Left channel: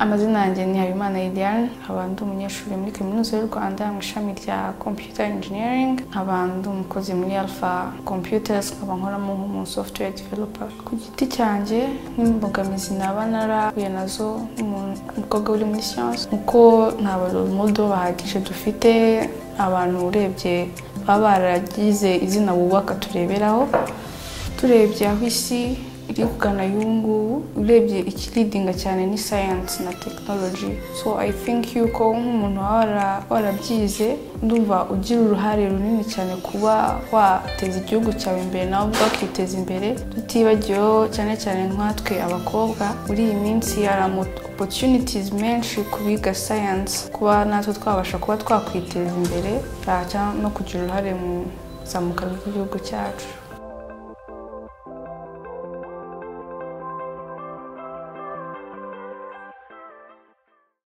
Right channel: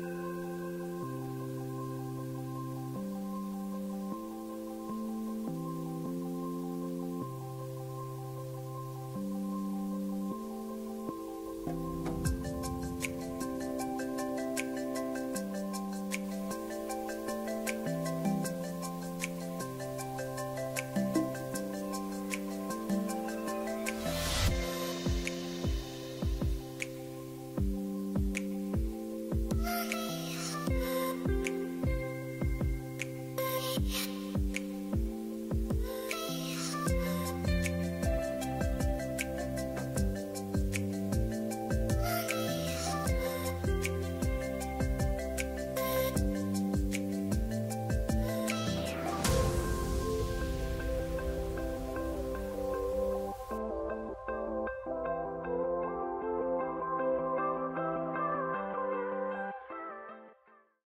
Amazina yanjye ni Habimana Ideal, nkaba ndi umunyeshuri muri Kaminuza y'u Rwanda mu ishami rya Computer Engineering, nkaba ndi umukozi muri Alpha Computers, nkaba nkoramo nk'umu software developer. Ku giti cyanjye nk'imbogamizi naba narahuye nazo umukobwa uri muri science, uko nta role model bahagije dufite, abantu urebye baba baragize izina bubaka tureberaho, turebye aho isi iri kugana y'ubu, urebye ikiridinga cyane ni science na technology. So I think yuko nk'umuntu warabyize, ndumva ugira uruhare runini cyane kuba wateza igihugu cyawe imbere nawe ubwo ukiteza imbere. Tutibagiyeho cyane cyane nkatwe abakobwa, muri iyi minsi hari opportunities menshi kubiga science, kuba natwe twabasha kuba twakwiteza imbere cyangwa no kugira uruhare mu zamuka ry'igihugu cyacu.